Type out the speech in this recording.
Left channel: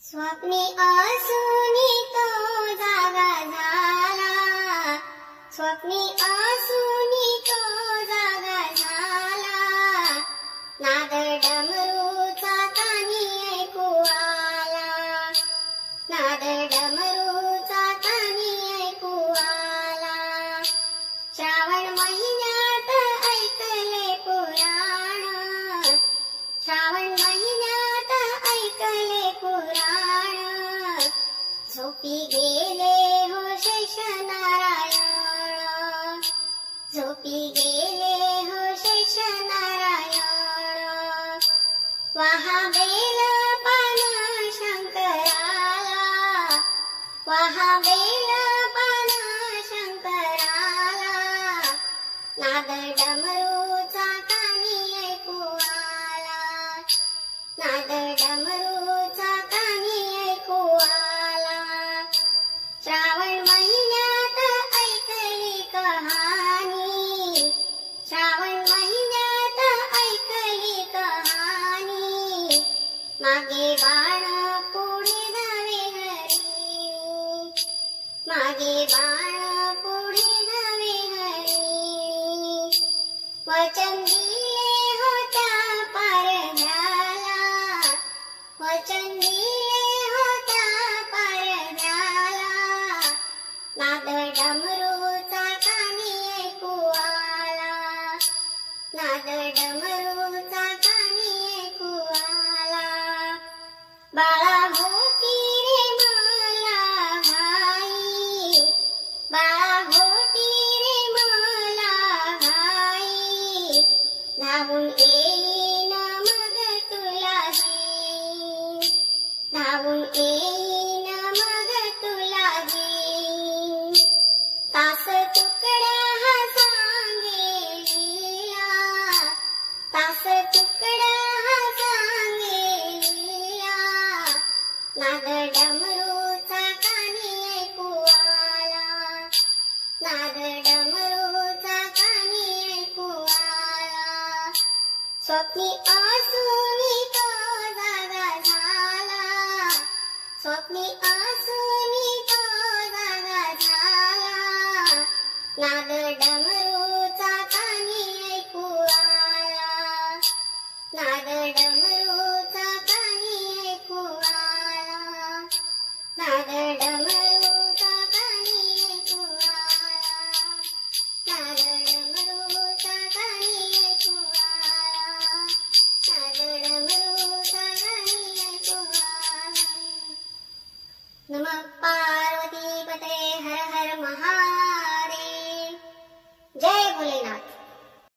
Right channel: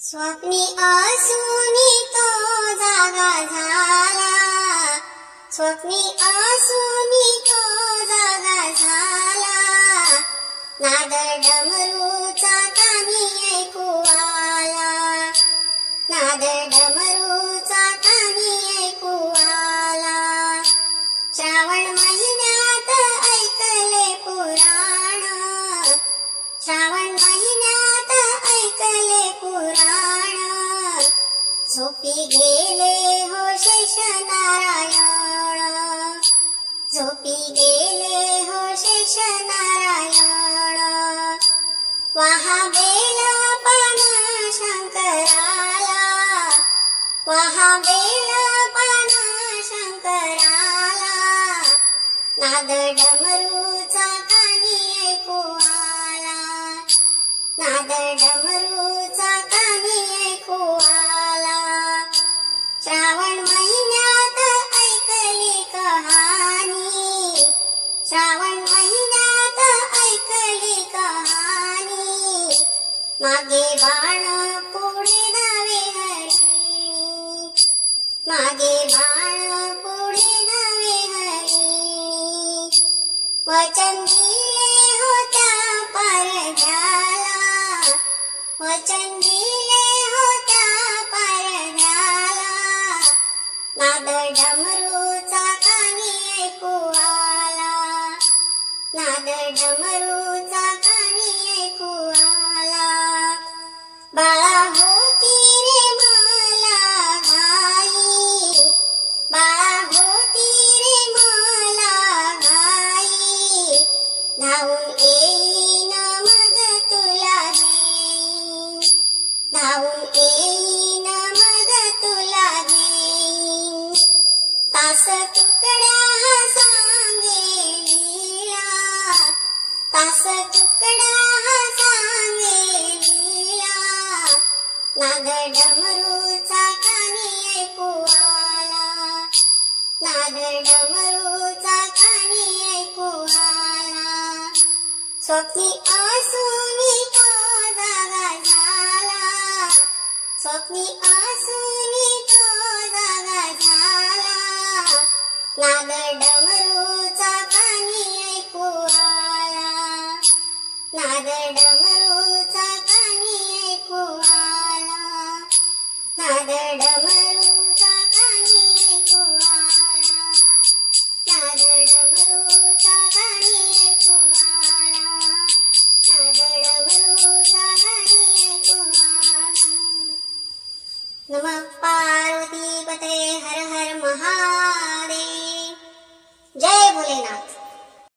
स्वप्नी असूनी तो जागा झाला, स्वप्नी असूनी तो जागा झाला, नाद डमरूचा कानी ऐकू आला, नाद डमरूचा कानी ऐकू आला। श्रावण महिन्यात ऐकले पुराण, श्रावण महिन्यात ऐकले पुराण, झोपी गेले हो शेष नारायण, झोपी गेले हो शेष नारायण। वाहा बेल पान शंकराला, वाहा बेल पान शंकराला, नाद डमरूचा कानी ऐकू आला, नाद डमरूचा कानी ऐकू आला। श्रावण महिन्यात ऐकली कहाणी, श्रावण महिन्यात ऐकली कहाणी, मागे बाण पुढे नवे हरिणी, मागे बाण पुढे नवे हरिणी। वचन दिले होत्या पारध्याला, वचन दिले होत्या पारध्याला, नाद डमरूचा कानी ऐकू आला, नाद डमरूचा कानी ऐकू आला। बाळा होती रे मला घाई, बाळा होती रे मला घाई, धावून येईन मग तुला घेईन, धावून येईन मग तुला घेईन। तास तुकड्या सांगे लीला, तास तुकड्या सांगे लीला, नाद डमरूचा कानी ऐकू आला, नाद डमरूचा कानी ऐकू आला। स्वप्नी असूनी तो जागा झाला, स्वप्नी असूनी तो जागा झाला, नाद डमरूचा कानी ऐकू आला, नाद डमरूचा कानी ऐकू आला, नाद डमरूचा कानी ऐकू आला, नाद डमरूचा कानी ऐकू आला, नाद डमरूचा कानी ऐकू आला। नमः पार्वती।